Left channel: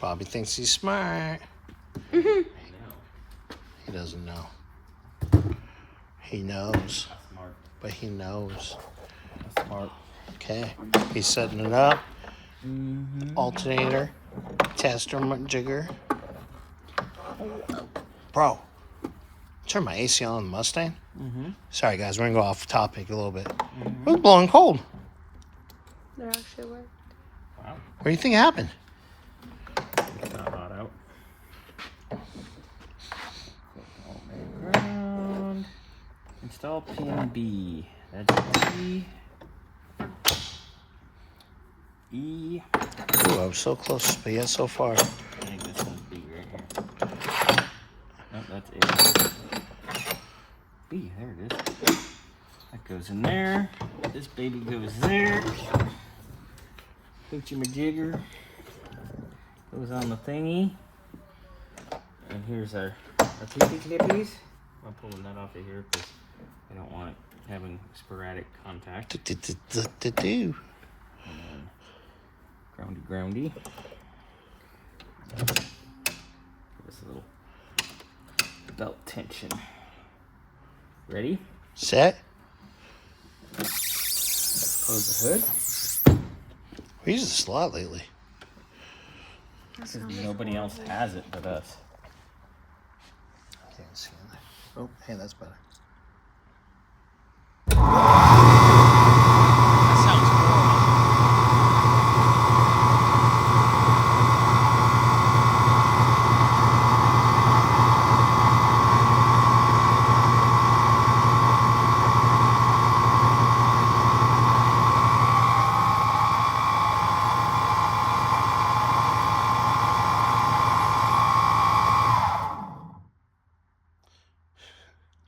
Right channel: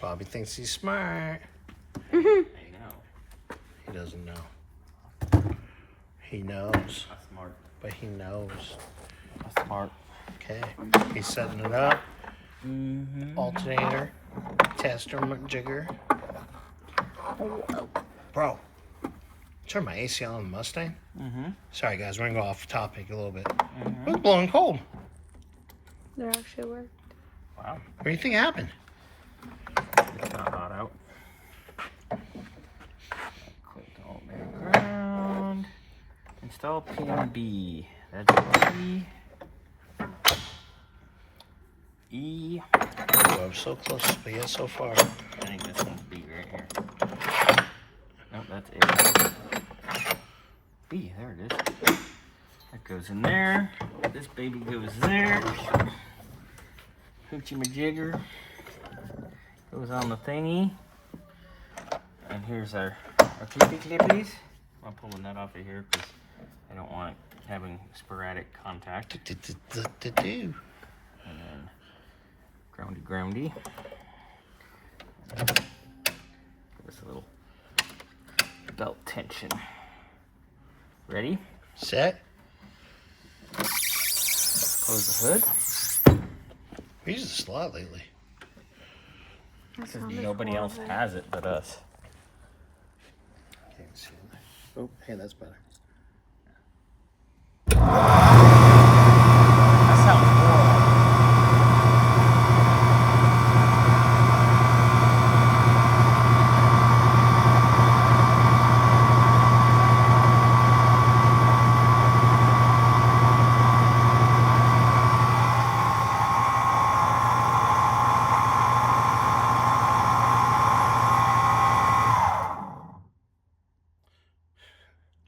Bobby thinks he's smart. He doesn't know. He knows. Smart. But he knows. Smart. Okay. He's setting it up. Alternator. Tester jigger. Bro. Turn my AC on the Mustang. Sorry, guys. We're going to go off topic a little bit. It was blowing cold. That actually worked. Wow. What do you think happened? It's not hot out. Click alternator ground. Install pin B. That's E. E. Ooh, I'm so close, but yet so far. I think this one's B right here. Oh, that's A. B, there it is. That goes in there. This baby goes there. Hoochie majigger goes on the thingy. And here's our peepee knippies. I'm pulling that off of here because I don't want it having sporadic contact. And then groundy. This little belt tension. Ready? Set. Close the hood. We use this a lot lately. Because nobody else has it but us. I can't see that. Oh, hey, that's better. That sounds cool.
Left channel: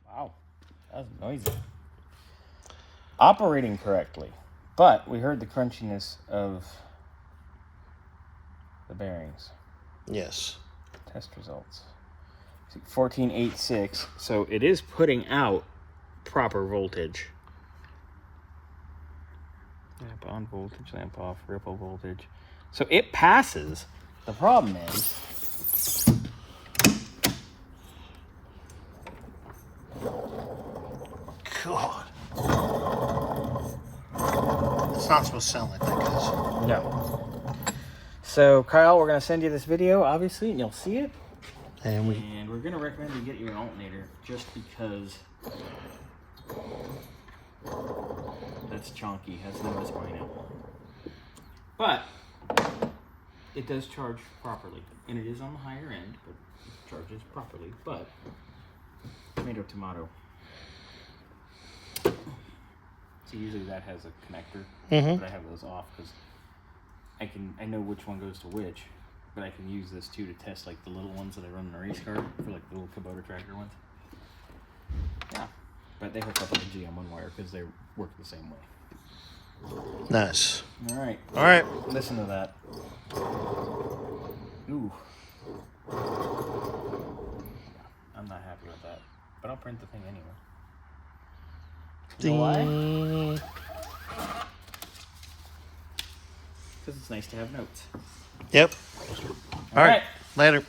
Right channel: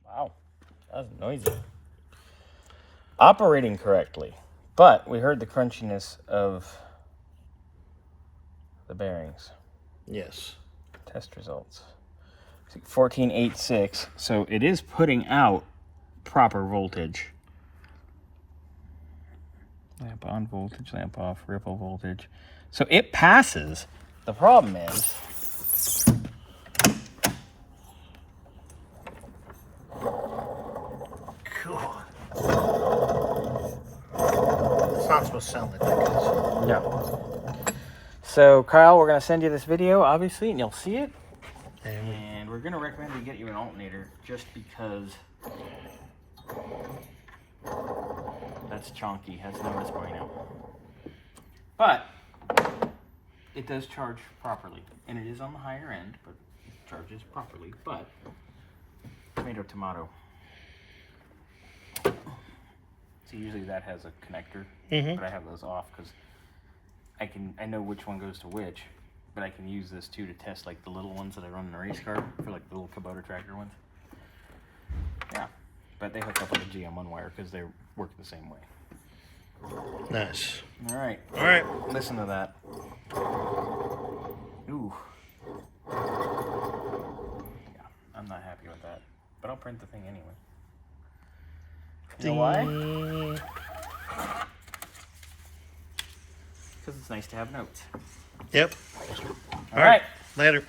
Wow, that was noisy. Operating correctly, but we heard the crunchiness of the bearings. Yes. Test results. 1486, so it is putting out proper voltage. Lamp on, voltage, lamp off, ripple voltage. So it passes. The problem is, God. It's not supposed to sound like that, guys. no. So Kyle, we're gonna send you this video, obviously, and you'll see it. And we're gonna recommend you get you an alternator just because that's chonky, has no bueno. But it does charge properly, and it is on the higher end, but it charges properly. But tomato. So usually that has a connector, but I have those off because I know which one goes to which. But I can use this too to test like the little ones that I run in a race car for like the little Kubota tractor ones. Yeah, but they hook up with a GM1 wire because they work the same way. Nice. All right. All right. Listen to that. Ooh. Yeah, I'm not happy with that, but I'll print the thing anyway. You know why? Because it's nice to have notes. Yep. All right. Later.